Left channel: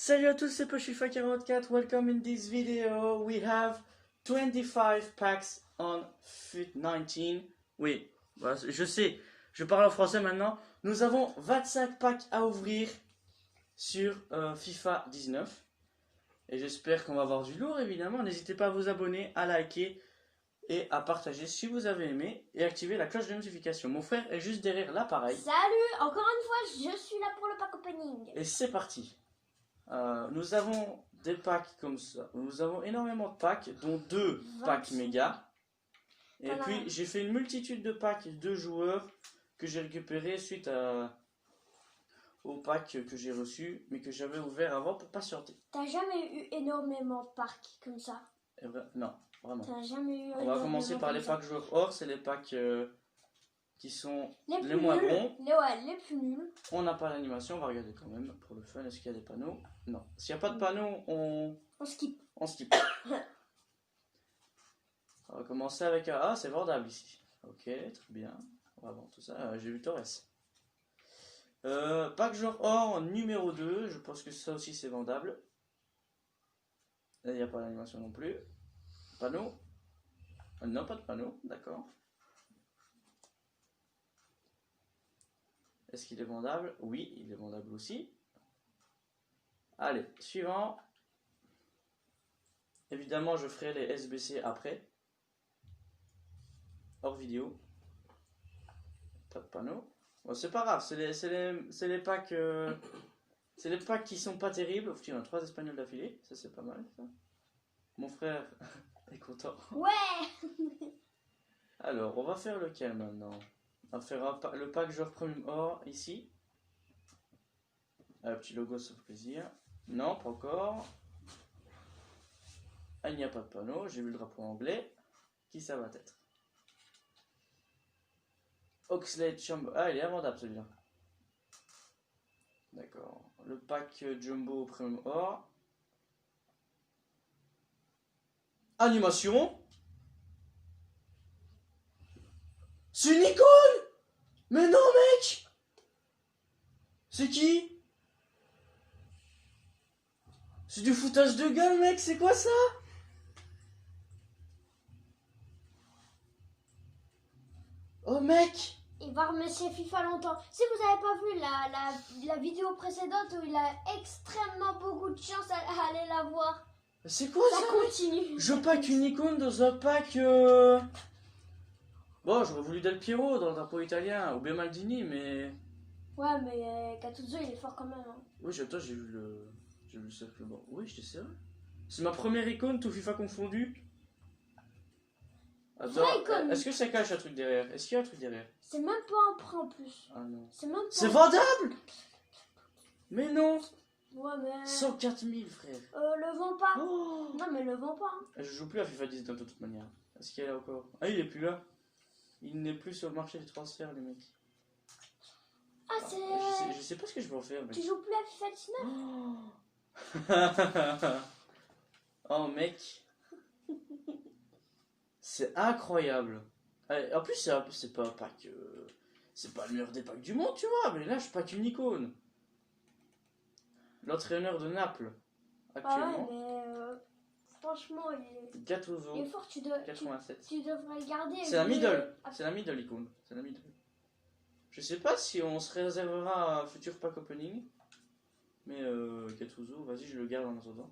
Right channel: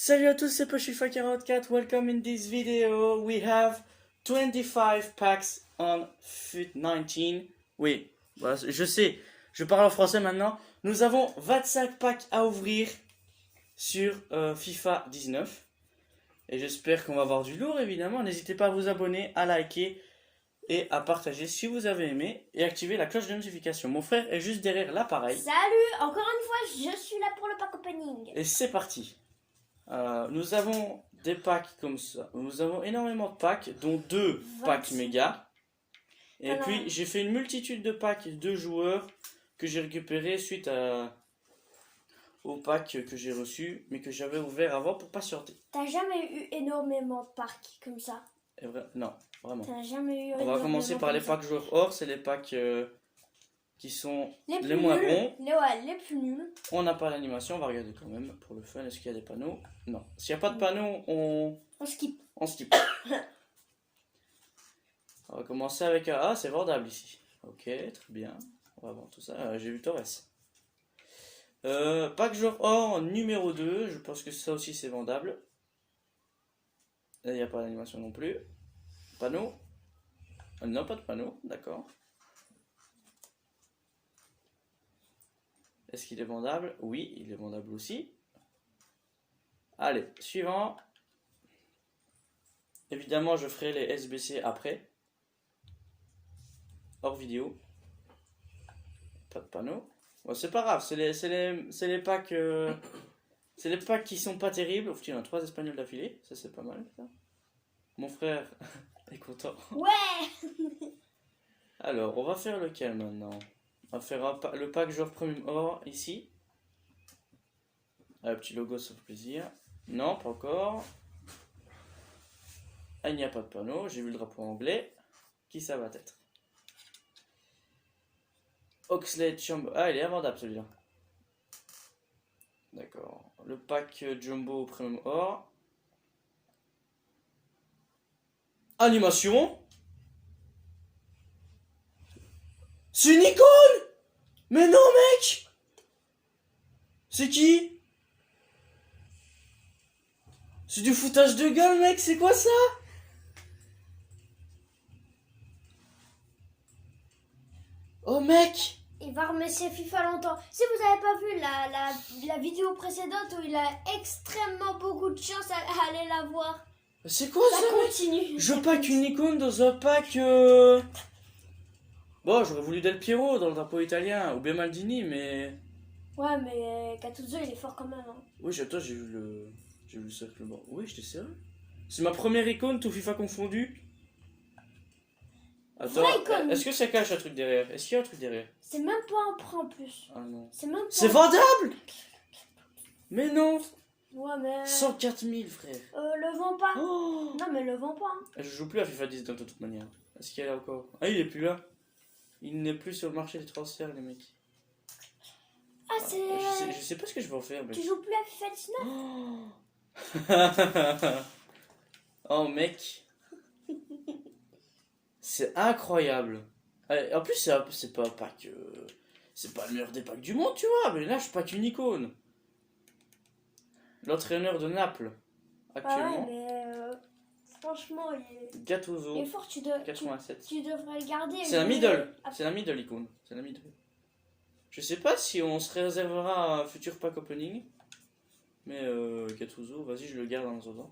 Salut à tous, c'est Pushifa44. Welcome in this video. We have 25 packs on FUT 19. Oui, voilà, je sais, je parle en français maintenant. Nous avons 25 packs à ouvrir sur FIFA 19. Et j'espère qu'on va avoir du lourd, évidemment. N'hésitez pas à vous abonner, à liker et à partager si vous avez aimé. Et activer la cloche de notification. Mon frère est juste derrière l'appareil. Salut, encore une fois, je suis là pour le pack opening. Et c'est parti. Nous avons des packs comme ça. Nous avons énormément de packs, dont 2 packs méga. Et Voilà. puis j'ai fait une multitude de packs de joueurs que j'ai récupérés suite au pack que j'ai reçu, mais que j'avais ouvert avant pour patienter. T'as jamais eu énormément de packs comme ça? Non, vraiment. T'as jamais eu On va commencer par les packs joueurs or, c'est les packs qui sont les moins bons. Les plus nuls. On n'a pas l'animation, on va regarder quand même pour le fun. Est-ce qu'il y a des panneaux? Non. S'il n'y a pas de panneaux, on skip. On skip. On va commencer avec un... Ah, c'est vendable ici. Ok, très bien. On va voir tout ça. J'ai vu Torres. Pack joueur or numéro 2. Je pense que ça aussi c'est vendable. Là, il n'y a pas d'animation non plus. Panneau. Non, pas de panneau. D'accord. Est-ce qu'il est vendable? Oui, il est vendable aussi. Allez, suivant. Évidemment, je ferai les SBC après. Hors vidéo. Pas de panneau. Bon, c'est pas grave, c'est les packs. C'est les packs qui sont pas terribles. Il y en a 3 espagnols d'affilée. Ça, c'est pas mal, ça. Mon frère est content. Ouais. Alors, on va faire lequel maintenant? On va faire le pack joueur premium or ici. Un petit logo, ça fait plaisir. Non, pas encore. Ah, il n'y a pas de panneau. J'ai vu le drapeau anglais. Qui ça va être? Oxlade Jumbo. Ah, il est invendable celui-là. D'accord. Le pack Jumbo Premium Or. Animation. C'est une icône. Mais non, mec. C'est qui? C'est du foutage de gueule, mec. C'est quoi ça? Oh, mec. Il va remercier FIFA longtemps. Si vous n'avez pas vu la vidéo précédente où il a extrêmement beaucoup de chance à aller la voir. C'est quoi Ça ça? continue. Je pack une icône dans un pack. Bon, j'aurais voulu Del Piero dans le drapeau italien ou bien Maldini, mais. Ouais, mais Gattuso il est fort quand même. Hein. Oui, attends, j'ai vu le cercle bord. Oui, j'étais sérieux. C'est ma première icône, tout FIFA confondu. Attends, est-ce que ça cache un truc derrière? Est-ce qu'il y a un truc derrière? C'est même pas un prêt en plus. Ah non. C'est même pas. C'est vendable! Mais non! Ouais, mais. 104 000, frère. Le vends pas. Oh, Non, mais le vends pas. Hein. je joue plus à FIFA 10 de toute manière. Est-ce qu'il y a là encore? Ah, il est plus là. Il n'est plus sur le marché des transferts, les mecs. Ah, c'est. Je sais pas ce que je vais en faire, mec. Tu joues plus à FIFA 19? Oh, mec. C'est incroyable. En plus, c'est pas un pack. C'est pas le meilleur des packs du monde, tu vois. Mais là, je pack une icône. L'entraîneur de Naples, actuellement. Ouais, mais franchement, il est Gattuso, fort. 87. Tu devrais le garder. C'est la middle. C'est la middle icône. C'est la middle. Je sais pas si on se réservera un futur pack opening. Mais Gattuso, vas-y, je le garde en attendant.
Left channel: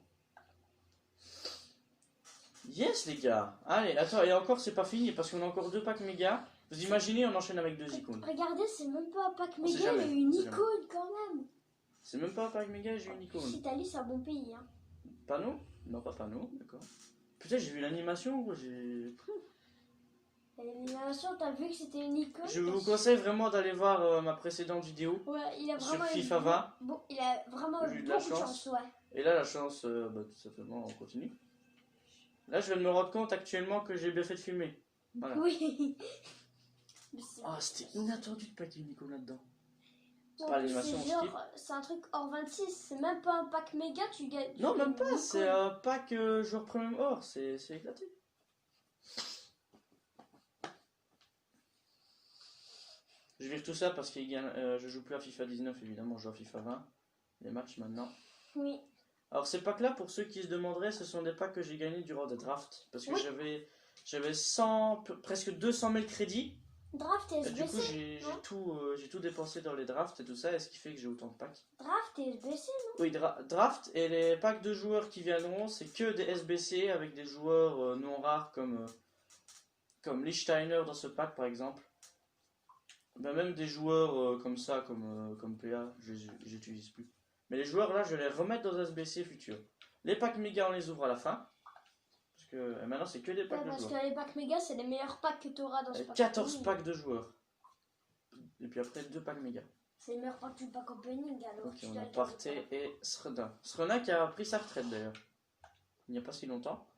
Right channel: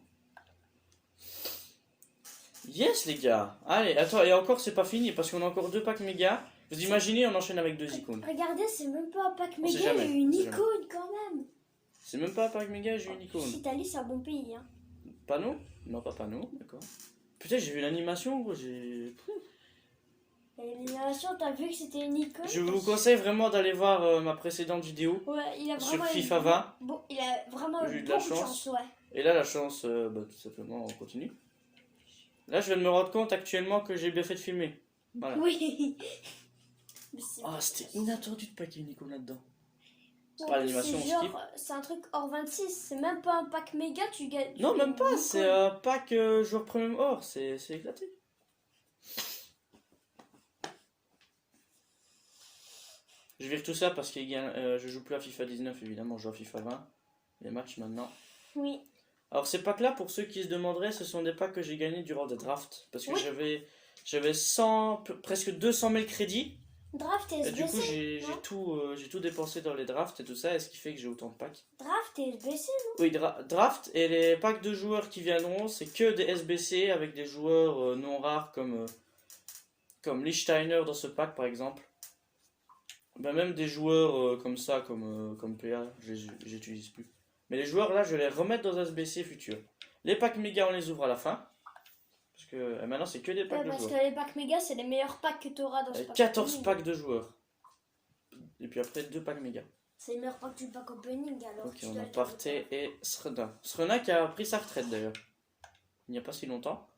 Yes, les gars. Allez, attends, et encore, c'est pas fini parce qu'on a encore 2 packs méga. Vous imaginez, on enchaîne avec 2 icônes. Regardez, c'est même pas un pack On sait méga, jamais, il y a une on sait icône quand même. C'est même pas un pack méga, j'ai une icône. L'Italie, c'est un bon pays. Hein. Panneau? Non, pas panneau, d'accord. Putain, j'ai vu l'animation, gros, j'ai. L'animation, t'as vu que c'était une icône? Je vous conseille vraiment d'aller voir ma précédente vidéo Ouais, il a sur vraiment FIFA 20. Bon, il a vraiment J'ai eu eu de la beaucoup de chance. chance, ouais. Et là, la chance, tout simplement, on continue. Là, je viens de me rendre compte actuellement que j'ai bien fait de filmer. Voilà. Oui. Ah, c'était inattendu de packer une icône là-dedans. C'est Non, pas l'animation, on c'est genre, skip. c'est un truc hors 26, c'est même pas un pack méga, tu gagnes. Non, même pas, c'est un pack joueur premium or, c'est éclaté. Je vire tout ça parce que je joue plus à FIFA 19, évidemment, je joue à FIFA 20. Les matchs maintenant. Oui. Alors ces packs là, pour ceux qui se demanderaient, ce sont des packs que j'ai gagnés durant des drafts. Parce que Oui. j'avais 100, presque 200 000 crédits. Draft et Et du coup SBC. non j'ai tout dépensé dans les drafts et tout ça. Et ce qui fait que j'ai autant de packs. Draft et SBC. Oui, draft et les packs de joueurs qui viendront, c'est que des SBC avec des joueurs non rares comme Lichtsteiner dans ce pack par exemple. Ben, même des joueurs comme ça, comme PA, j'utilise plus. Mais les joueurs là, je vais les remettre dans SBC futur. Les packs méga, on les ouvre à la fin. Parce que maintenant, c'est que des packs Ouais, de parce joueurs. que les packs méga, c'est les meilleurs packs que tu auras dans ce pack. 14 opening. packs de joueurs. Et puis après, 2 packs méga. C'est les meilleurs packs du pack opening. Alors Ok, tu on dois a le Partey et Srena. Srena qui a pris sa retraite d'ailleurs. Il n'y a pas si longtemps.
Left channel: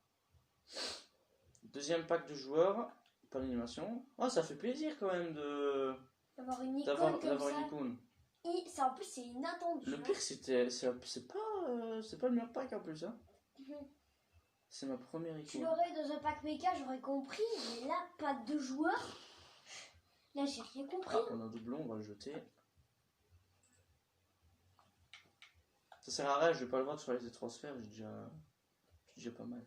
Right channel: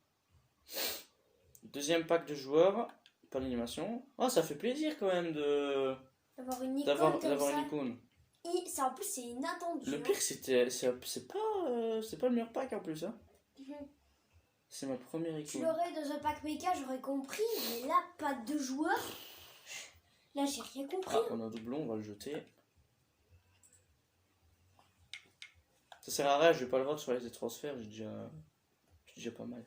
Deuxième pack de joueurs. Pas d'animation. Oh, ça fait plaisir quand même d'avoir une icône d'avoir comme ça. une icône. Et ça, en plus, c'est inattendu. Le pire, c'est pas le meilleur pack en plus. Hein. Mhm. C'est ma première Tu icône. l'aurais dans un pack méga, j'aurais compris. Mais là, pack de joueurs. Là, j'ai rien compris. Ah, on a un doublon, on va le jeter. Ça sert à rien, je vais pas le voir sur les transferts, j'ai déjà pas mal.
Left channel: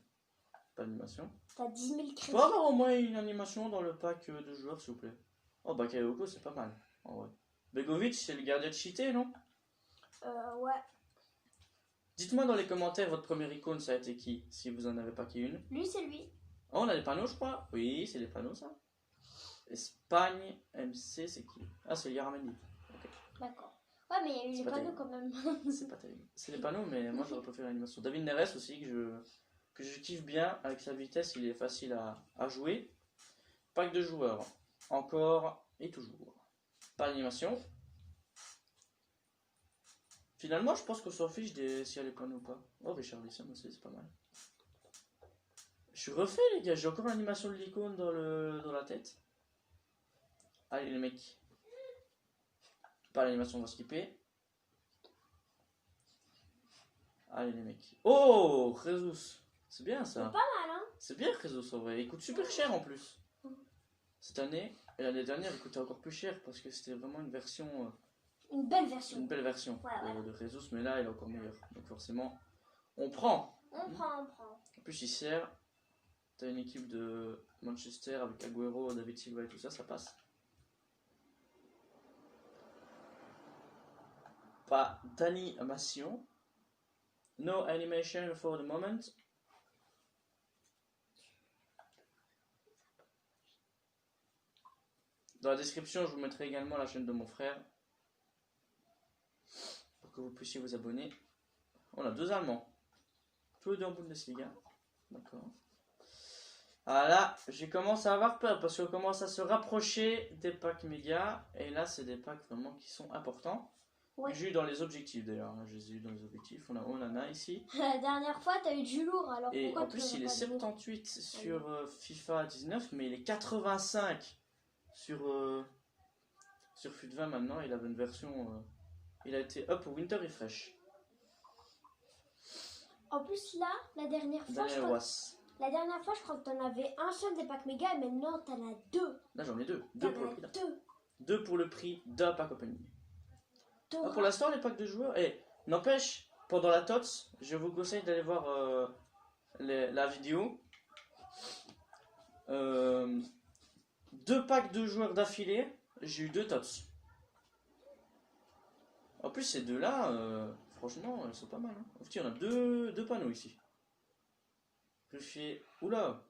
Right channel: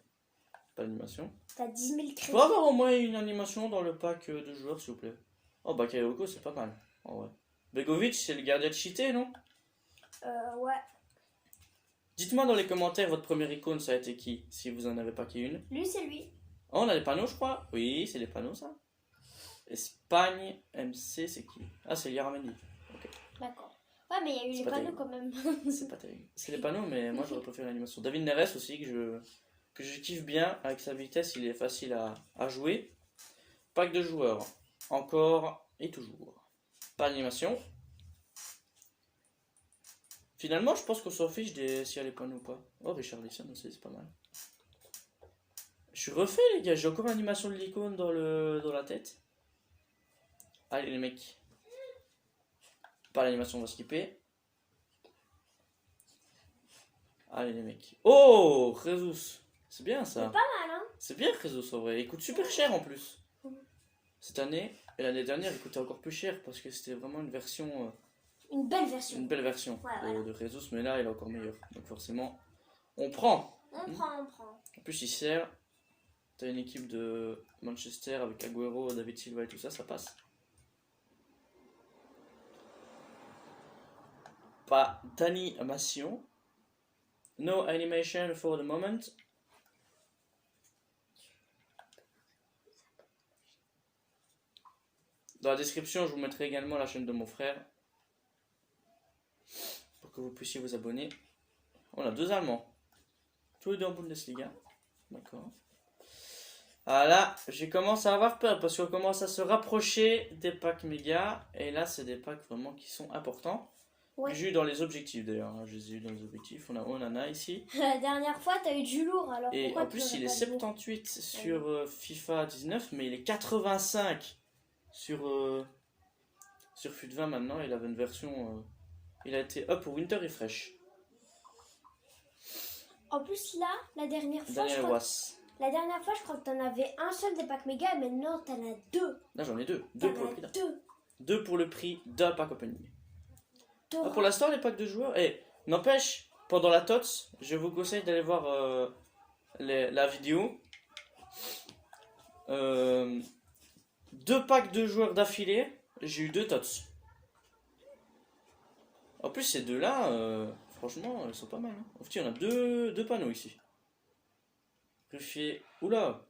Pas d'animation. T'as 10 000 Je crédits. peux avoir au moins une animation dans le pack de joueurs, s'il vous plaît. Oh, Bakayoko, c'est pas mal. Oh, ouais. Begovic, c'est le gardien de cheaté, non? Ouais. Dites-moi dans les commentaires, votre première icône, ça a été qui? Si vous en avez pas qui une. Lui, c'est lui. Oh, on a des panneaux, je crois. Oui, c'est des panneaux, ça. Espagne, MC, c'est qui? Ah, c'est Yaramendi. D'accord. Ouais, mais il y a eu C'est les pas panneaux terrible. quand même. C'est pas terrible. C'est des panneaux, mais moi j'aurais préféré l'animation. David Neres aussi, que je kiffe bien. Avec sa vitesse, il est facile à jouer. Pack de joueurs. Encore et toujours. Pas d'animation. Finalement, je pense qu'on s'en fiche s'il y a les panneaux ou pas. Oh, Richarlison aussi, c'est pas mal. Je suis refait, les gars. J'ai encore l'animation de l'icône dans la tête. Allez, les mecs. Pas l'animation, on va skipper. Allez, les mecs. Oh, Jesus. C'est bien ça. Pas mal, hein. C'est bien Jesus en vrai. Il coûte super cher en plus. Cette année et l'année dernière, il coûtait encore plus cher parce que c'était vraiment une version. Une belle version. Une belle version Ouais, de Jesus, mais là il est encore meilleur. Donc forcément, on prend. On prend. En plus, il sert. T'as une équipe de Manchester avec Agüero, David Silva et tout ça, ça passe. Pas d'animation. No animation for the moment. Dans la description, je vous mettrai également la chaîne de mon frère pour que vous puissiez vous abonner. On a 2 Allemands. Tous les 2 en Bundesliga. D'accord. Ah là, je commence à avoir peur parce qu'on commence à se rapprocher des packs méga. Et là, c'est des packs vraiment qui sont importants. Ouais. J'ai eu dans les objectifs d'ailleurs. Je les ai eu dans les objectifs. On a Onana ici. La dernière fois, t'as eu du lourd. Alors Et pourquoi en plus, tu il est aurais pas de lourd 78 sur FIFA 19, mais il est 85 sur FUT20 maintenant. Il avait une version. Il a été up pour Winter Refresh. En plus, là, la dernière fois, Daniel Was. je crois que t'en avais un seul des packs méga, et maintenant t'en as 2. Là, j'en ai 2. 2 pour le prix d'un. 2. 2 pour le prix d'un pack opening. Ah, pour l'instant, les packs de joueurs. Et n'empêche, pendant la TOTS, je vous conseille d'aller voir la vidéo. 2 packs de joueurs d'affilée, j'ai eu 2 TOTS. En plus, ces deux-là, franchement, elles sont pas mal. Hein. En fait, on a deux panneaux ici. Ruffier. Oula!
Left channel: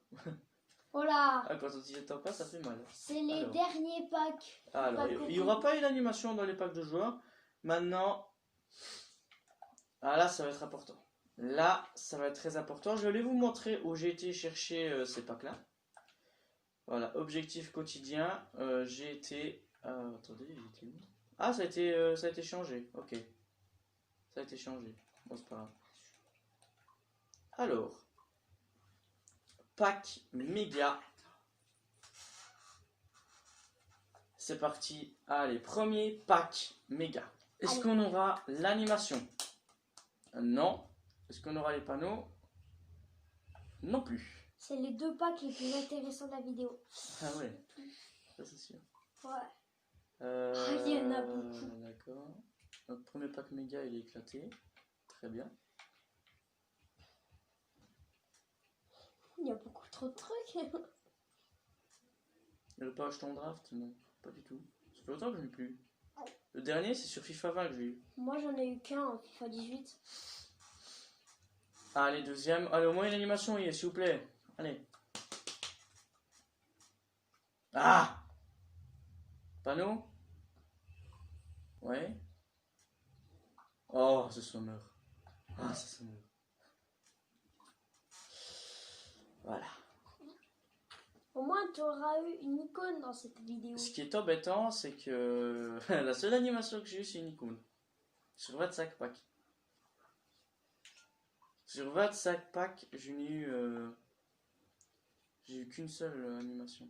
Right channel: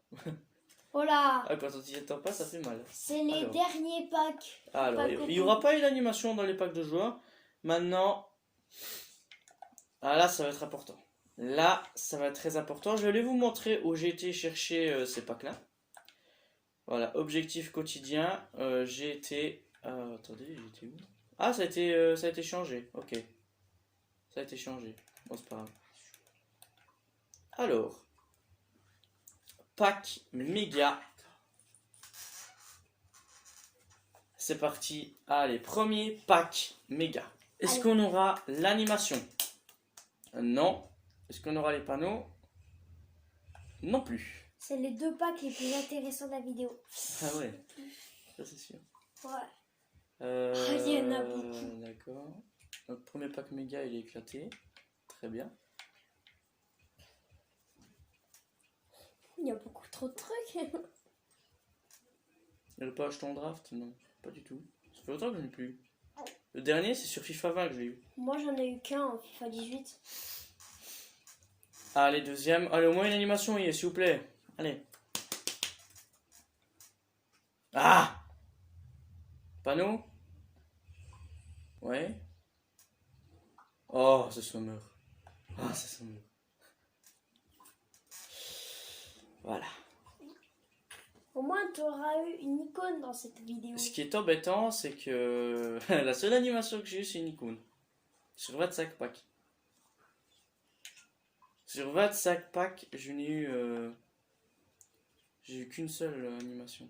Oh là, Ah, quand on s'y attend pas, ça fait mal. c'est les Alors. derniers packs. Alors, Pack il n'y aura pas eu d'animation dans les packs de joueurs. Maintenant, ah là, ça va être important. Là, ça va être très important. Je vais vous montrer où j'ai été chercher ces packs-là. Voilà, objectif quotidien. J'ai été... attendez, j'étais où? Ah, ça a été changé. Ok. Ça a été changé. Bon, c'est pas grave. Alors. Pack méga. C'est parti. Allez, premier pack méga. Est-ce qu'on aura l'animation? Non. Est-ce qu'on aura les panneaux? Non plus. C'est les 2 packs les plus intéressants de la vidéo. Ah ouais. Ça c'est sûr. Ouais. Il y en a beaucoup. D'accord. Notre premier pack méga il est éclaté. Très bien. Il y a beaucoup trop de trucs. Il a pas acheté en draft? Non, pas du tout. Ça fait longtemps que je n'ai plus. Le dernier, c'est sur FIFA 20 que j'ai eu. Moi, j'en ai eu qu'un en FIFA 18. Allez, deuxième. Allez, au moins une animation, oui, s'il vous plaît. Allez. Ah! Panneau? Ouais. Oh, c'est Sommer. Ah, c'est Sommer. Voilà. Au moins, tu auras eu une icône dans cette vidéo. Ce qui est embêtant, c'est que la seule animation que j'ai eue, c'est une icône. Sur 25 packs. Sur 25 packs, je n'ai eu. J'ai eu qu'une seule animation.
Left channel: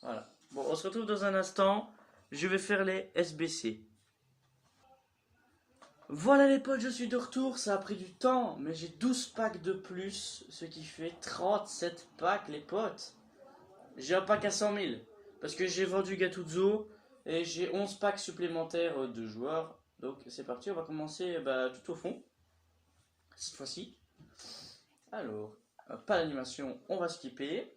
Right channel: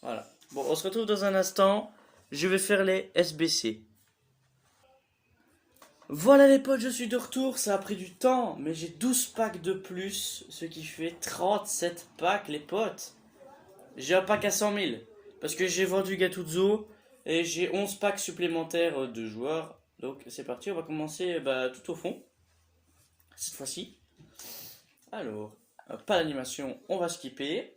Voilà. Bon, on se retrouve dans un instant. Je vais faire les SBC. Voilà les potes, je suis de retour. Ça a pris du temps, mais j'ai 12 packs de plus. Ce qui fait 37 packs, les potes. J'ai un pack à 100 000. Parce que j'ai vendu Gattuso. Et j'ai 11 packs supplémentaires de joueurs. Donc c'est parti, on va commencer tout au fond. Cette fois-ci. Alors, pas d'animation, on va skipper.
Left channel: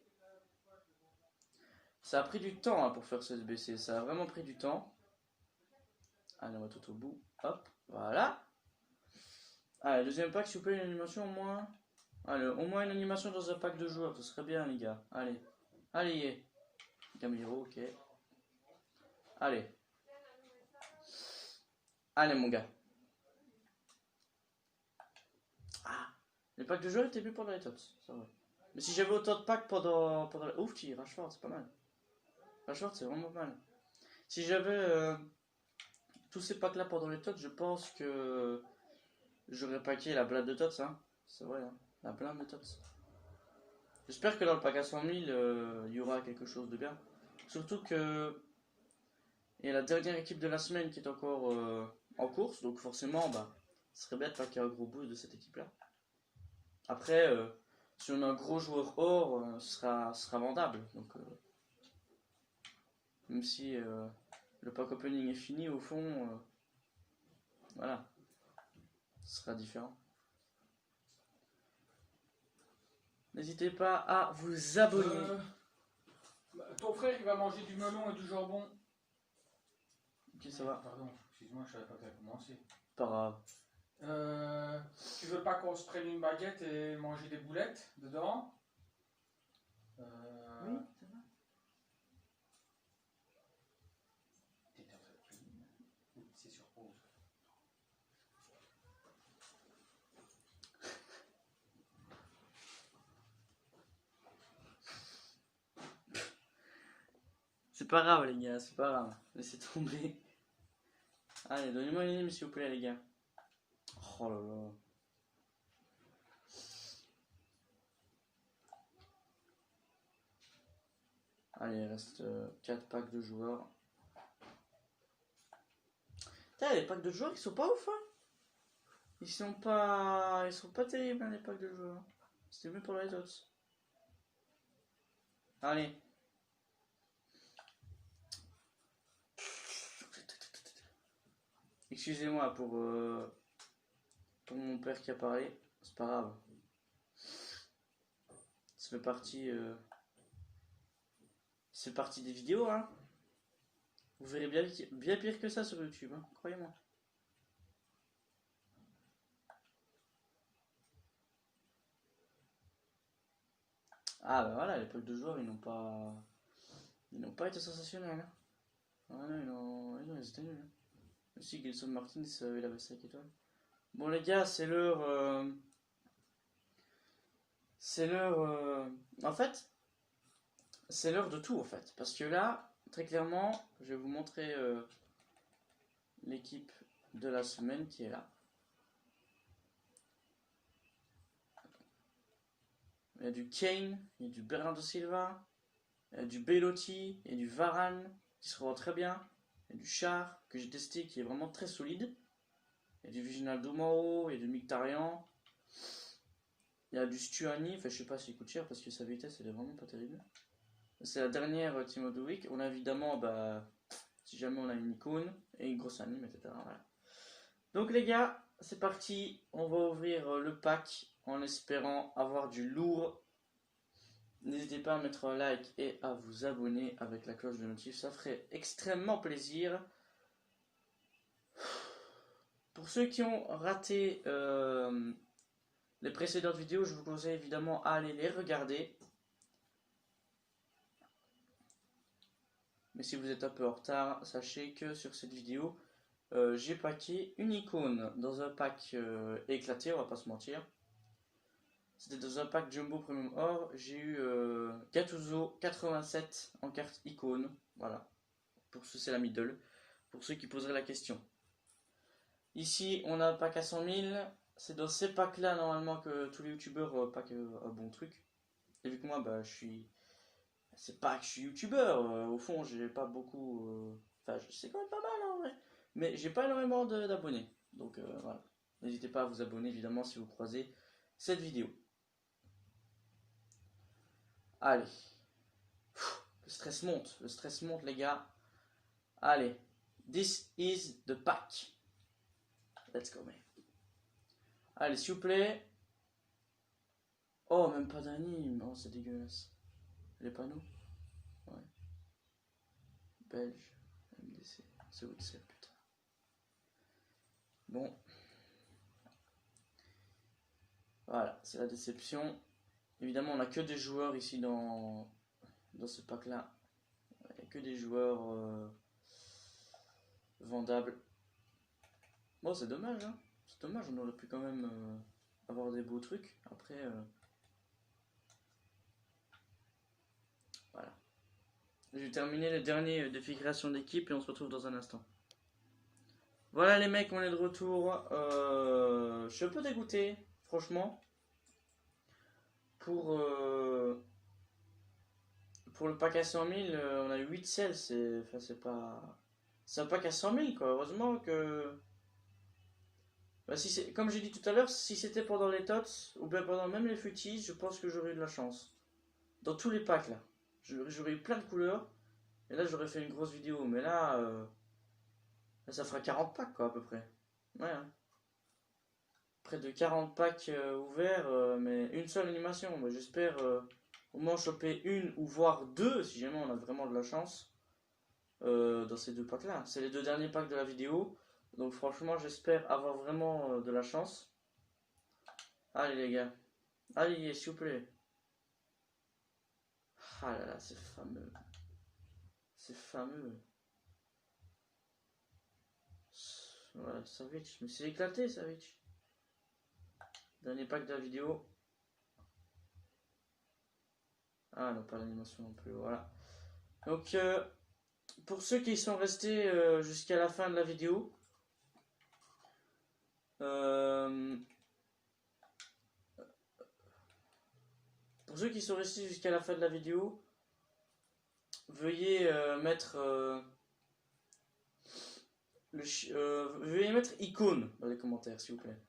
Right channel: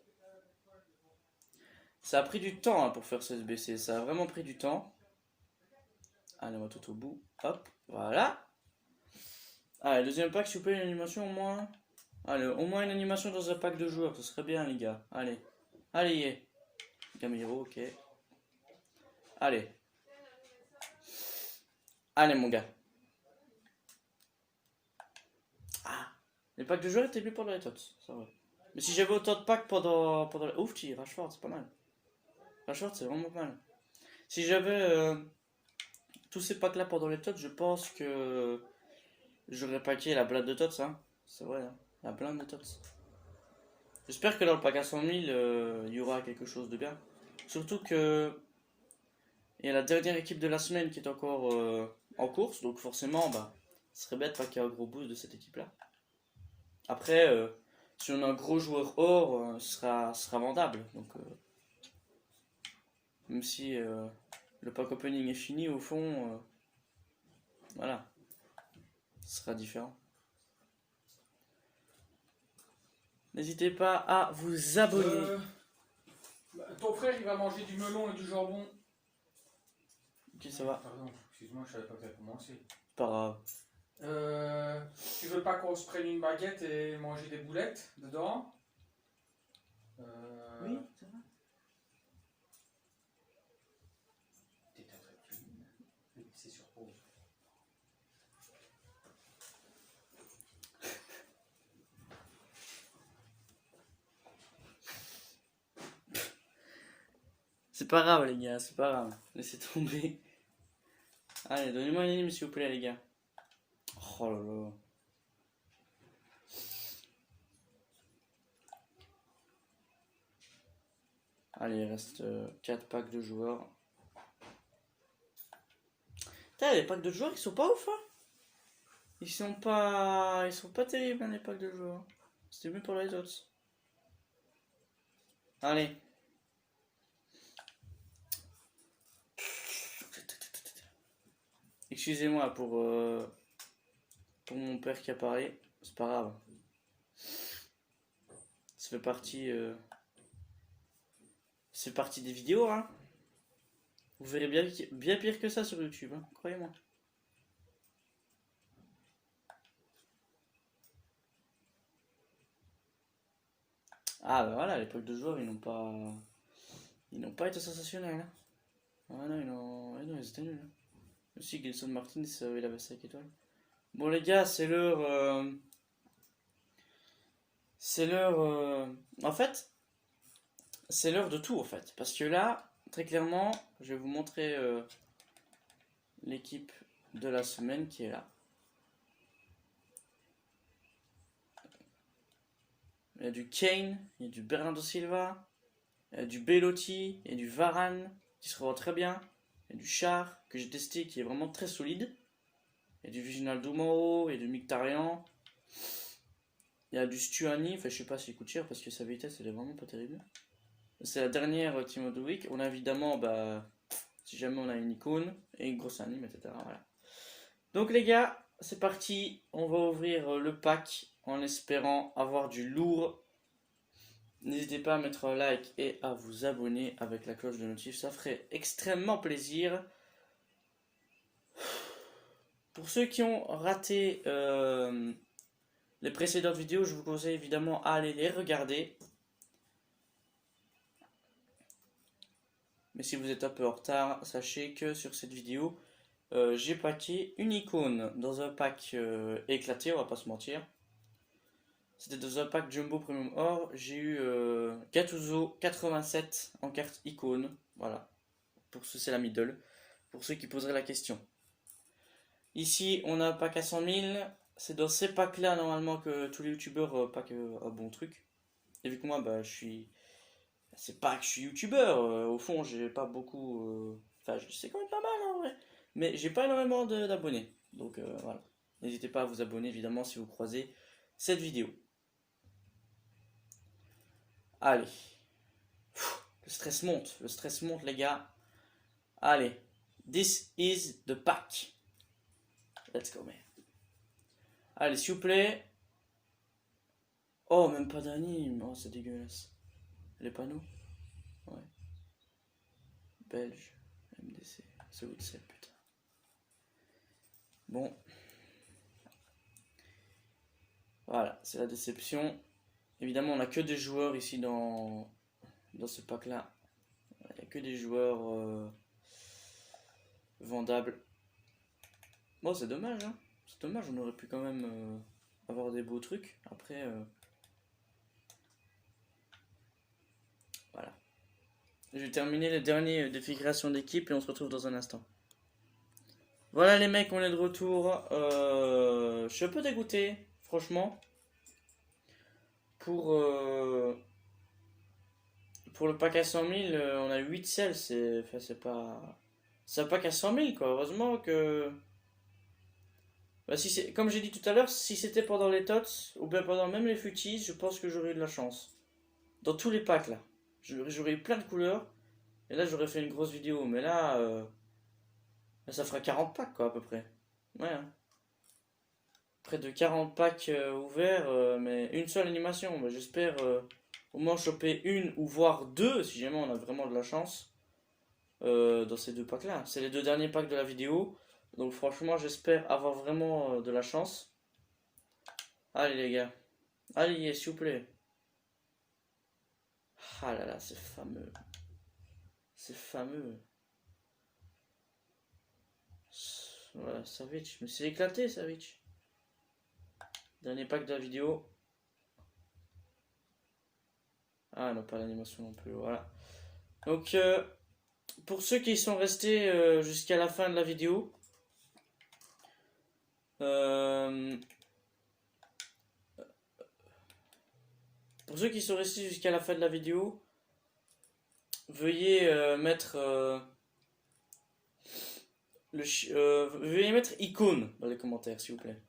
Ça a pris du temps pour faire ce SBC, ça a vraiment pris du temps. Allez, on va tout au bout. Hop, voilà. Allez, deuxième pack, s'il vous plaît, une animation au moins. Allez, au moins une animation dans un pack de joueurs, ce serait bien, les gars. Allez, allez, yeah. Gamiro, ok. Allez. Allez, mon gars. Ah, les packs de joueurs étaient plus pendant les tots, c'est vrai. Mais si j'avais autant de packs pendant les... Ouf, Rashford, c'est pas mal. Rashford, c'est vraiment pas mal. Si j'avais tous ces packs là pendant les tots, je pense que j'aurais packé la blinde de tots, hein. C'est vrai, hein. La blinde de tots. J'espère que dans le pack à 100 000, il y aura quelque chose de bien. Surtout que il y a la dernière équipe de la semaine qui est encore en course, donc forcément, ce serait bête de packer un gros boost de cette équipe là. Après, si on a un gros joueur or, ce sera vendable. Donc, même si le pack opening est fini, au fond, voilà, ce sera différent. N'hésitez pas à vous abonner. Ton frère, il va manger du melon et du jambon. Ok, ça va. Pardon, excuse-moi, je savais pas que tu avais commencé. Pas grave. Tu veux pas qu'on se prenne une baguette et manger des boulettes dedans? Oui, ça va. T'étais en train de filmer. C'est sur pause. C'est pas grave, les gars, c'est pas grave. Laissez tomber. Allez, donnez-moi une anime, s'il vous plaît, les gars. Oh là là. Allez, il reste 4 packs de joueurs. Putain, les packs de joueurs, ils sont pas ouf, hein. Ils sont pas terribles, hein, les packs de joueurs. C'était mieux pour les autres. Allez. Excusez-moi pour mon père qui a parlé. C'est pas grave. Ça fait partie... C'est partie des vidéos, hein. Vous verrez bien pire que ça sur YouTube, hein, croyez-moi. Ah bah voilà, l'époque de joueurs, ils n'ont pas été sensationnels. Hein. Ah non, ils étaient nuls. Aussi, Gelson Martins, il avait 5 étoiles. Bon les gars, c'est l'heure... En fait, c'est l'heure de tout, en fait. Parce que là, très clairement, je vais vous montrer l'équipe de la semaine qui est là. Il y a du Kane, il y a du Bernardo Silva, il y a du Belotti, il y a du Varane, qui se revend très bien. Il y a du Char, que j'ai testé, qui est vraiment très solide. Il y a du Viginaldo Mauro, il y a du Mkhitaryan. Il y a du Stuani, enfin je sais pas s'il coûte cher parce que sa vitesse elle est vraiment pas terrible. C'est la dernière Team of the Week. On a évidemment, si jamais on a une icône et une grosse anime, etc. Voilà. Donc les gars, c'est parti, on va ouvrir le pack en espérant avoir du lourd. N'hésitez pas à mettre un like et à vous abonner avec la cloche de notif, ça ferait extrêmement plaisir. Pour ceux qui ont raté les précédentes vidéos, je vous conseille évidemment à aller les regarder. Mais si vous êtes un peu en retard, sachez que sur cette vidéo, j'ai packé une icône dans un pack éclaté, on va pas se mentir. C'était dans un pack Jumbo Premium Or. J'ai eu Gattuso 87 en carte icône. Voilà. Pour ceux, c'est la middle. Pour ceux qui poseraient la question. Ici, on a un pack à 100 000. C'est dans ces packs-là, normalement, que tous les youtubeurs packent un bon truc. Et vu que moi, bah, je suis... C'est pas que je suis youtubeur. Au fond, j'ai pas beaucoup... Enfin, c'est quand même pas mal, en vrai. Mais j'ai pas énormément d'abonnés. Donc, voilà. N'hésitez pas à vous abonner, évidemment, si vous croisez cette vidéo. Allez. Le stress monte les gars. Allez. This is the pack. Let's go man. Allez s'il vous plaît. Oh même pas d'anime. Oh c'est dégueulasse. Les panneaux. Ouais. Belge. MDC. C'est où c'est putain. Bon. Voilà, c'est la déception. Évidemment, on n'a que des joueurs ici dans ce pack-là. Il n'y a que des joueurs vendables. Bon, c'est dommage, hein. C'est dommage, on aurait pu quand même avoir des beaux trucs. Après, voilà. Je vais terminer le dernier défi création d'équipe et on se retrouve dans un instant. Voilà les mecs, on est de retour. Je suis un peu dégoûté, franchement. Pour le pack à 100 000, on a 8 selles, c'est pas... C'est un pack à 100 000 quoi, heureusement que... Bah, si c'est, comme j'ai dit tout à l'heure, si c'était pendant les tots, ou bien pendant même les futis, je pense que j'aurais eu de la chance. Dans tous les packs là, j'aurais eu plein de couleurs, et là j'aurais fait une grosse vidéo, mais là, là ça fera 40 packs quoi à peu près. Ouais, hein. Près de 40 packs ouverts, mais une seule animation. Bah, j'espère au moins choper une ou voire deux, si jamais on a vraiment de la chance, dans ces deux packs là. C'est les deux derniers packs de la vidéo, donc franchement j'espère avoir vraiment de la chance. Allez les gars, allez s'il vous plaît. Ah là là, c'est fameux. C'est fameux. Voilà, Savic, mais c'est éclaté Savic. Dernier pack de la vidéo. Ah non, pas l'animation non plus, voilà. Donc, pour ceux qui sont restés jusqu'à la fin de la vidéo, veuillez mettre veuillez mettre icône dans les commentaires s'il vous plaît.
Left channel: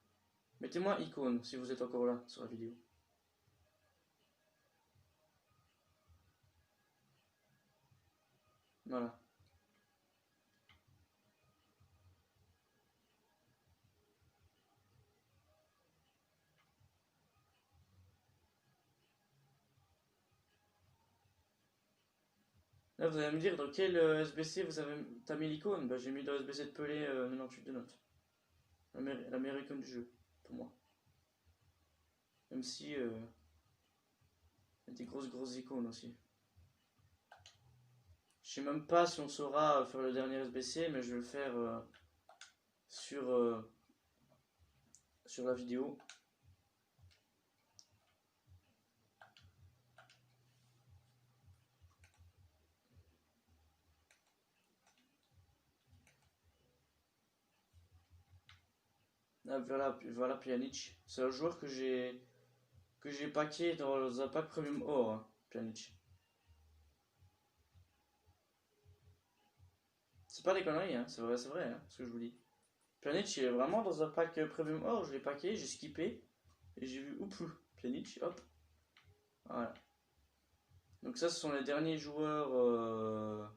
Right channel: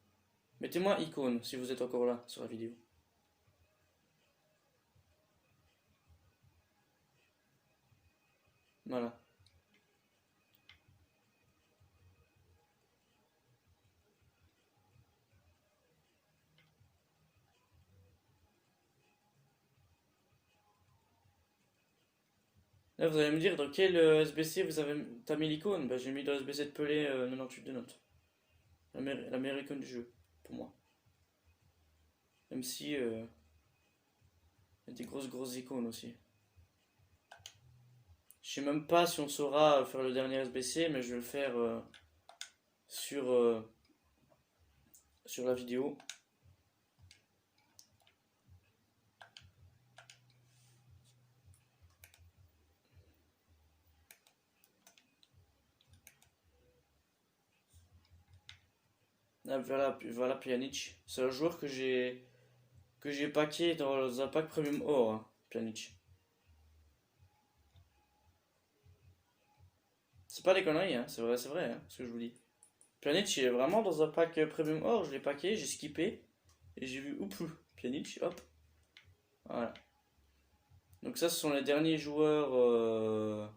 Mettez-moi icône si vous êtes encore là sur la vidéo. Voilà. Là, vous allez me dire dans quel SBC t'as mis l'icône. Bah, j'ai mis dans SBC de Pelé 98 de notes. La meilleure icône du jeu, pour moi. Même si il y a des grosses icônes aussi. Je sais même pas si on saura faire le dernier SBC, mais je vais le faire sur la vidéo. Ah, voilà Pjanic. C'est un joueur que j'ai packé dans un pack premium or, hein, Pjanic. C'est pas des conneries, hein, c'est vrai hein, ce que je vous dis. Pjanic il est vraiment dans un pack premium or, je l'ai packé, j'ai skippé et j'ai vu oups Pjanic, hop. Voilà. Donc ça ce sont les derniers joueurs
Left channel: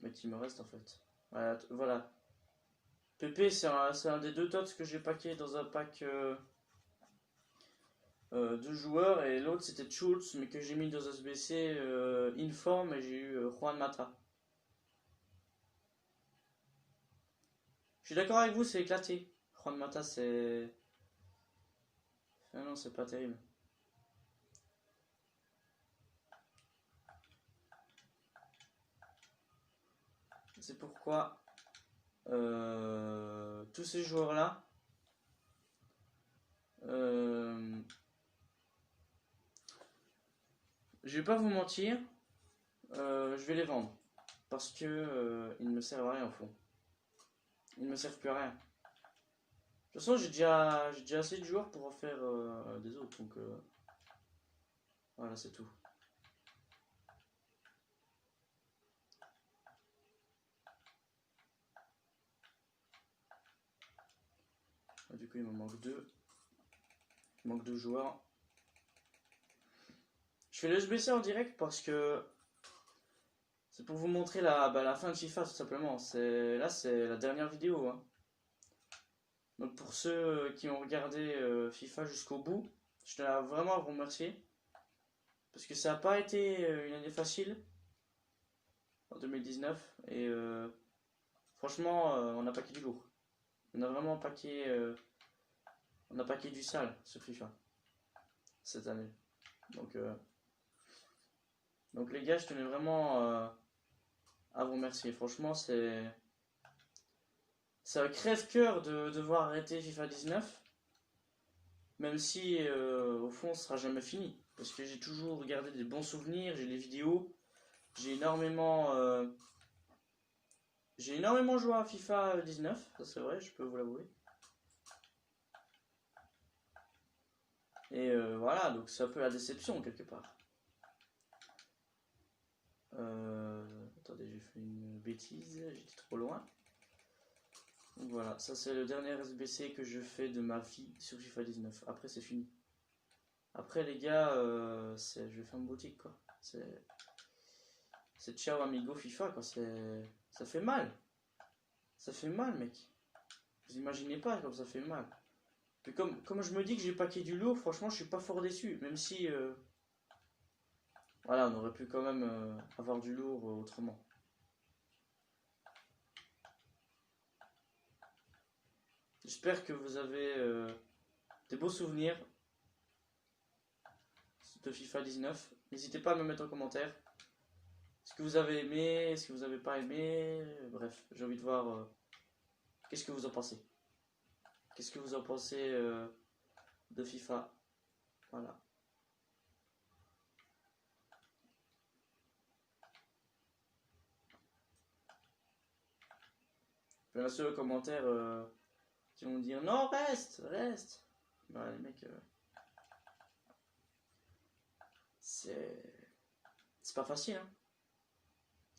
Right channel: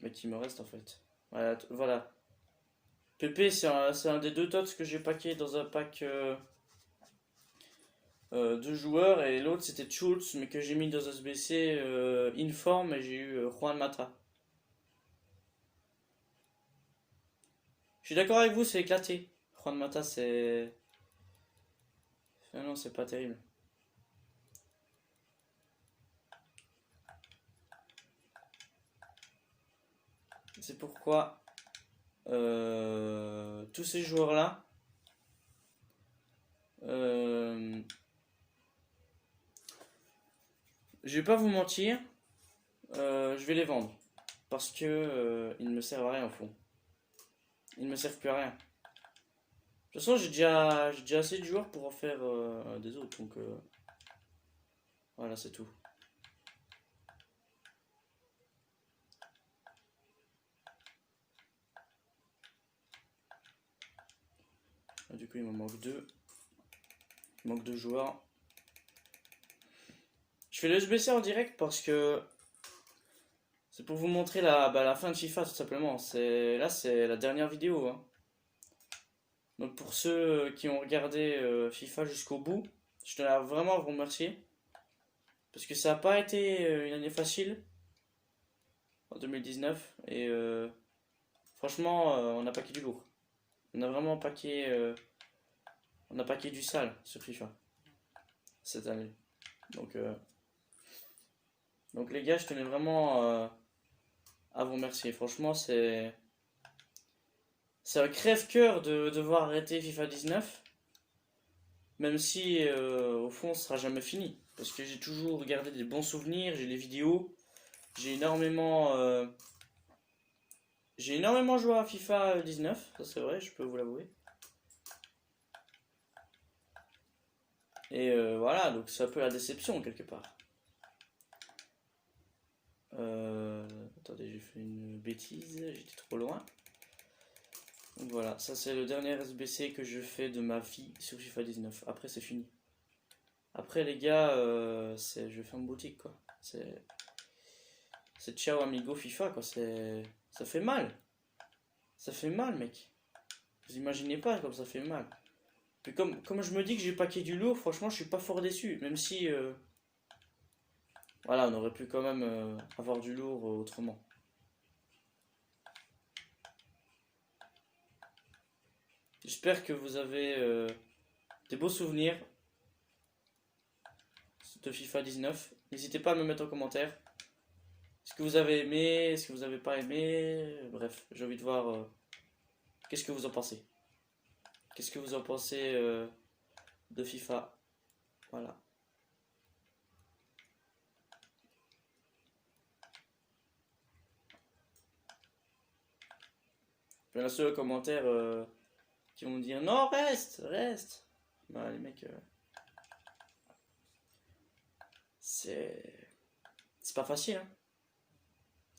mais qui me restent en fait. Voilà. Pépé, c'est un des deux tots que j'ai packé dans un pack de joueurs. Et l'autre, c'était Schultz, mais que j'ai mis dans un SBC Inform et j'ai eu Juan Mata. Je suis d'accord avec vous, c'est éclaté. Juan Mata, c'est... Non, c'est pas terrible. C'est pourquoi tous ces joueurs-là, je vais pas vous mentir, je vais les vendre parce que ils ne me servent à rien au fond. Ils ne me servent plus à rien. De toute façon, j'ai déjà assez de joueurs pour en faire des autres, donc voilà, c'est tout. Du coup, il me manque deux. Il manque deux joueurs. Je fais le SBC en direct parce que c'est pour vous montrer la fin de FIFA tout simplement. Là, c'est la dernière vidéo. Hein. Donc pour ceux qui ont regardé FIFA jusqu'au bout, je tenais vraiment à vous remercier. Parce que ça n'a pas été une année facile en 2019. Et franchement, on a paqué du lourd. On a vraiment paqué... on a paqué du sale sur FIFA cette année. Donc les gars, je tenais vraiment à vous remercier. Franchement, c'est un crève-cœur de devoir arrêter FIFA 19. Même si au fond, ce sera jamais fini. Parce que j'ai toujours gardé des bons souvenirs, j'ai les vidéos. J'ai énormément joué à FIFA 19, ça c'est vrai, je peux vous l'avouer. Et voilà, donc c'est un peu la déception quelque part. Attendez, j'ai fait une bêtise, j'étais trop loin. Donc voilà, ça c'est le dernier SBC que je fais de ma vie sur FIFA 19. Après c'est fini. Après les gars, je vais faire une boutique quoi. C'est ciao amigo FIFA quoi, ça fait mal. Ça fait mal mec. Vous imaginez pas comme ça fait mal. Puis comme je me dis que j'ai paqué du lourd, franchement je suis pas fort déçu. Même si voilà, on aurait pu quand même avoir du lourd autrement. J'espère que vous avez des beaux souvenirs de FIFA 19. N'hésitez pas à me mettre en commentaire ce que vous avez aimé, ce que vous n'avez pas aimé. Bref, j'ai envie de voir qu'est-ce que vous en pensez. Qu'est-ce que vous en pensez de FIFA. Voilà. Il y en a ceux aux commentaires qui vont dire non, reste. Bah, les mecs, c'est pas facile. Hein.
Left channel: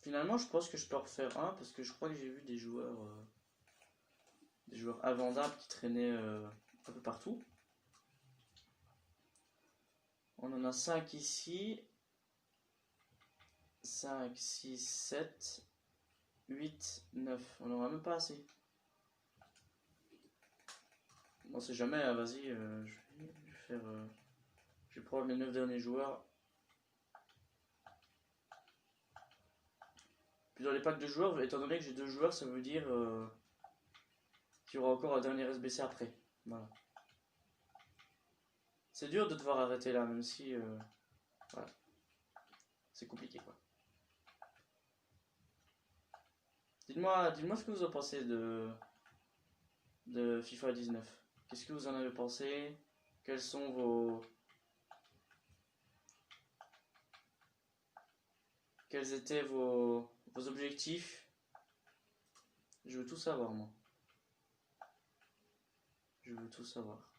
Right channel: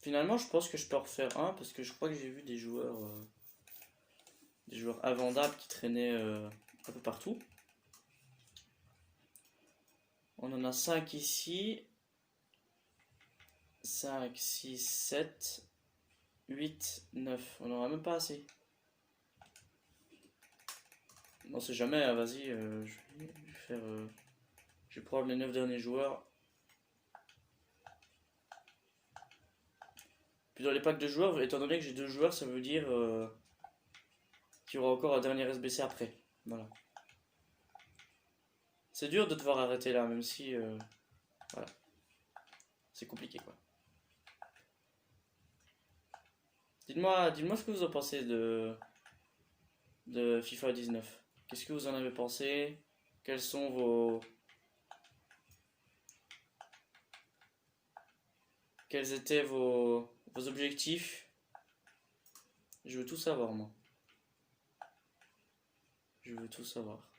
Finalement, je pense que je peux en refaire un parce que je crois que j'ai vu des joueurs invendables qui traînaient un peu partout. On en a 5 ici. 5, 6, 7, 8, 9. On n'aura même pas assez. Non, c'est jamais, hein, vas-y, je vais faire... je vais prendre les 9 derniers joueurs. Puis dans les packs de joueurs, étant donné que j'ai 2 joueurs, ça veut dire qu'il y aura encore un dernier SBC après. Voilà. C'est dur de devoir arrêter là, même si... voilà. C'est compliqué, quoi. Dites-moi ce que vous en pensez de FIFA 19. Qu'est-ce que vous en avez pensé? Quels sont Quels étaient vos objectifs? Je veux tout savoir, moi. Je veux tout savoir.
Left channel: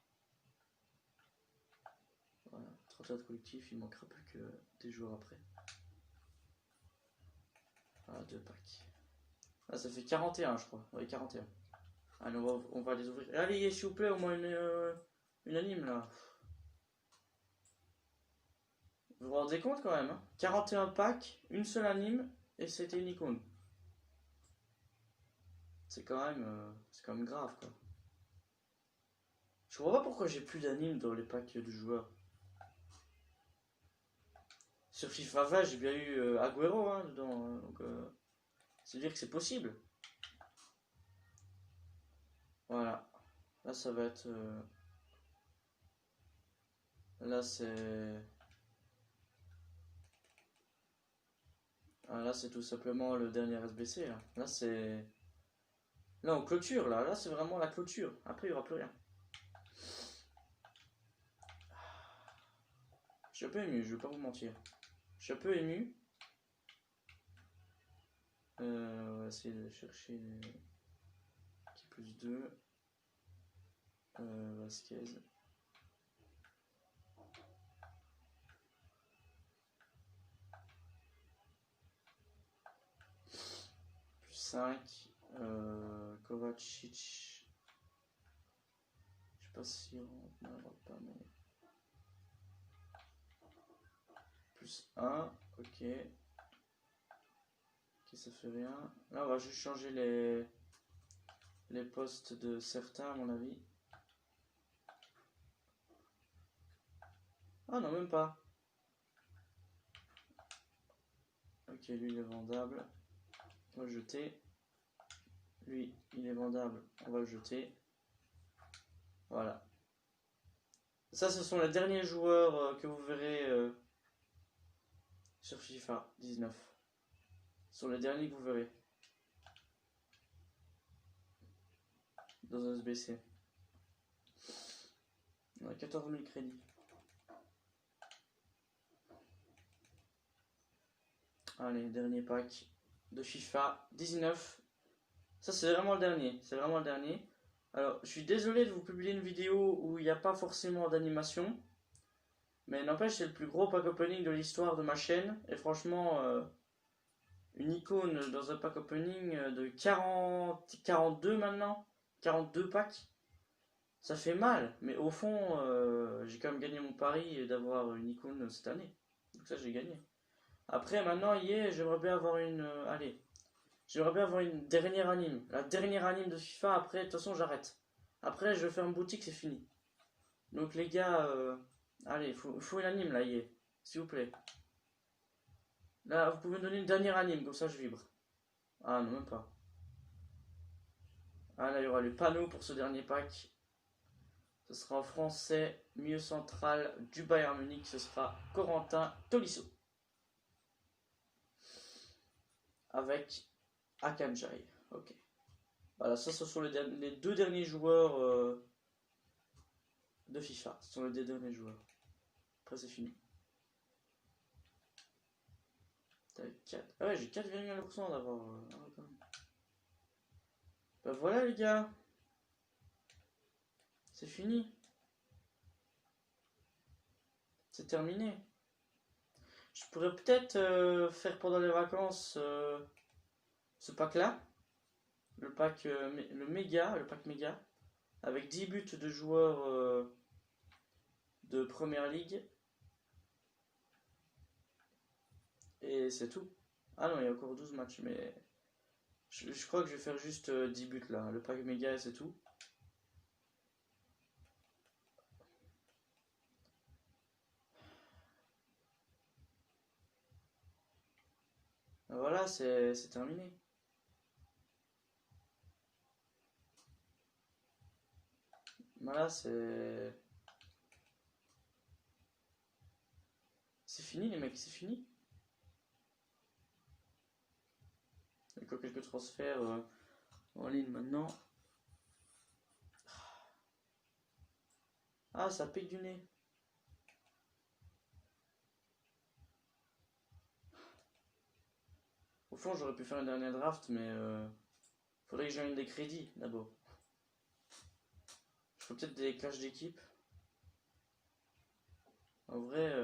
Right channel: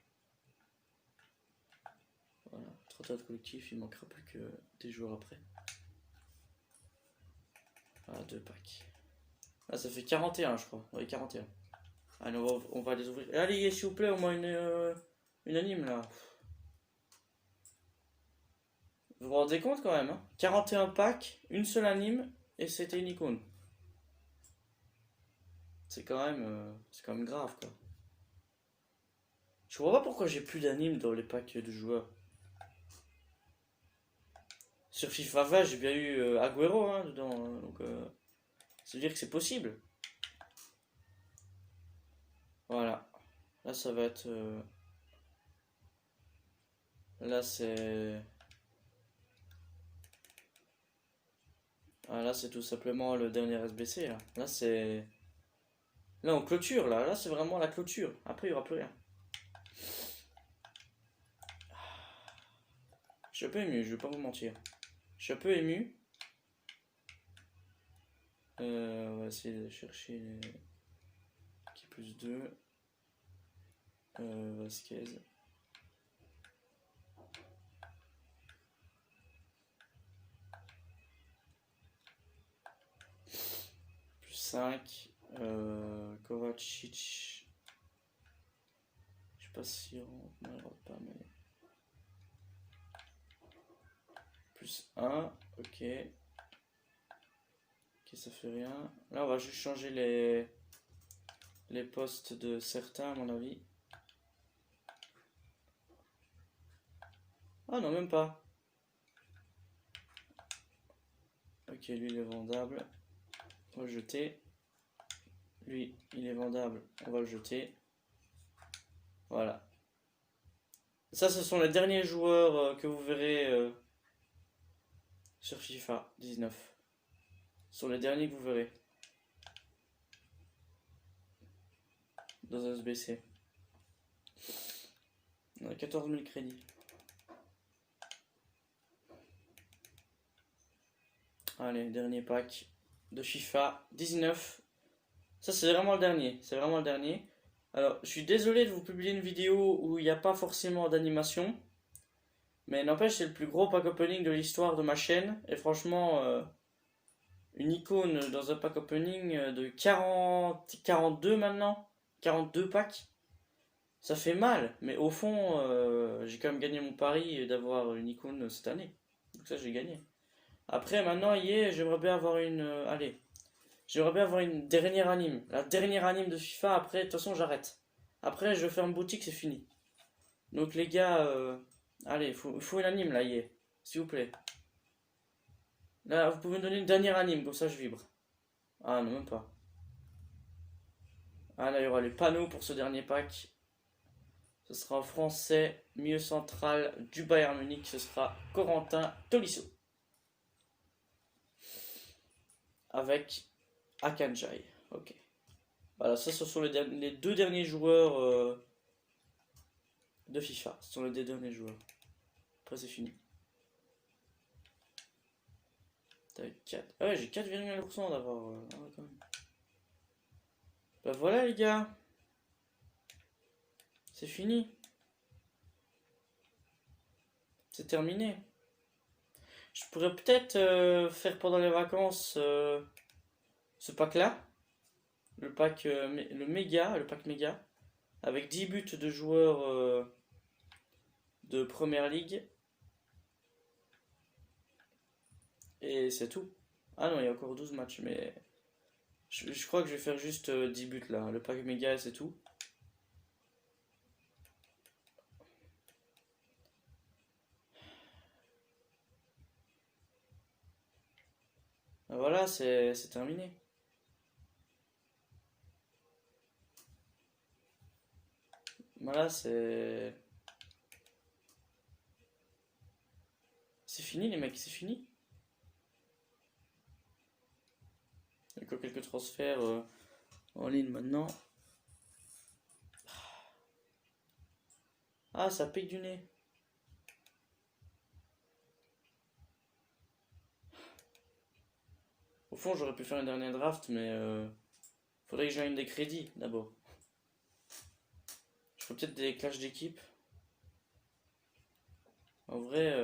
Voilà, 34 collectifs, il manquera plus que des joueurs après. Voilà, 2 packs. Ah, ça fait 41, je crois. Oui, 41. Allez, on va les ouvrir. Allez, s'il vous plaît, au moins une anime, là. Vous vous rendez compte, quand même, hein? 41 packs, une seule anime, et c'était une icône. c'est quand même grave, quoi. Je comprends pas pourquoi j'ai plus d'animes dans les packs de joueurs. Sur FIFA 20, j'ai bien eu Agüero hein, dedans, hein, donc ça veut dire que c'est possible. Voilà. Là, ça va être... Là, c'est... Ah, là, c'est tout simplement le dernier SBC. Là, c'est... Là, on clôture, là. Là, c'est vraiment la clôture. Après, il n'y aura plus rien. Je suis un peu ému, je vais pas vous mentir. Je suis un peu ému. On va essayer de chercher les... Qui plus 2. Vasquez. Plus 5. Kovacic. Je sais pas si on ne rentre pas, mais... Plus 1. Ok. Ok, ça fait rien. Là, on va juste changer les postes de certains, à mon avis. Ah non, même pas. Ok, lui, il est vendable. On va le jeter. Lui, il est vendable. On va le jeter. Voilà. Ça, ce sont les derniers joueurs que vous verrez sur FIFA 19. Ce sont les derniers que vous verrez. Dans un SBC. On a 14 000 crédits. Allez, dernier pack de FIFA 19. Ça, c'est vraiment le dernier. C'est vraiment le dernier. Alors, je suis désolé de vous publier une vidéo où il n'y a pas forcément d'animation. Mais n'empêche, c'est le plus gros pack opening de l'histoire de ma chaîne. Et franchement, une icône dans un pack opening de 42 maintenant. 42 packs. Ça fait mal. Mais au fond, j'ai quand même gagné mon pari d'avoir une icône cette année. Donc ça, j'ai gagné. Après, maintenant, j'aimerais bien avoir une... allez. J'aimerais bien avoir une dernière anime. La dernière anime de FIFA, après, de toute façon, j'arrête. Après, je ferme boutique, c'est fini. Donc, les gars, allez, il faut une anime, là, s'il vous plaît. Là, vous pouvez me donner une dernière anime, comme ça, je vibre. Ah, non, même pas. Ah, là, il y aura les panneaux pour ce dernier pack. Ce sera en français, milieu central du Bayern Munich. Ce sera Corentin Tolisso. Avec Akanjai. Ok. Voilà, ça ce sont les deux derniers joueurs de FIFA. Ce sont les deux derniers joueurs. Après c'est fini. T'as 4. Ah ouais, j'ai 4,1% d'avoir. Quand même. Bah voilà les gars. C'est fini. C'est terminé. Je pourrais peut-être faire pendant les vacances ce pack là. Le pack le pack méga. Avec 10 buts de joueurs de première ligue. Et c'est tout. Ah non, il y a encore 12 matchs, mais je crois que je vais faire juste 10 buts là. Le pack méga, c'est tout. Voilà, c'est terminé. Voilà, c'est fini les mecs, c'est fini. Il y a que quelques transferts en ligne maintenant. Ah, ça pique du nez. Au fond, j'aurais pu faire une dernière draft, mais faudrait que j'aille des crédits d'abord. Je ferais peut-être des clashs d'équipe. En vrai,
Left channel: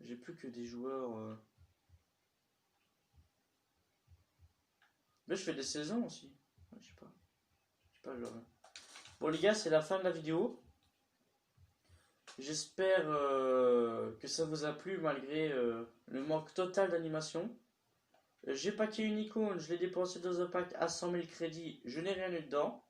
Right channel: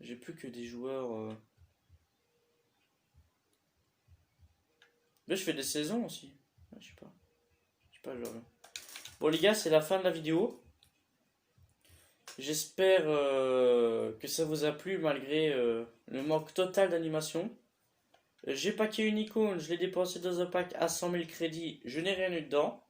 j'ai plus que des joueurs. Mais je fais des saisons aussi. Ouais, je sais pas, genre. Bon les gars, c'est la fin de la vidéo. J'espère que ça vous a plu malgré le manque total d'animation. J'ai packé une icône, je l'ai dépensé dans un pack à 100 000 crédits, je n'ai rien eu dedans.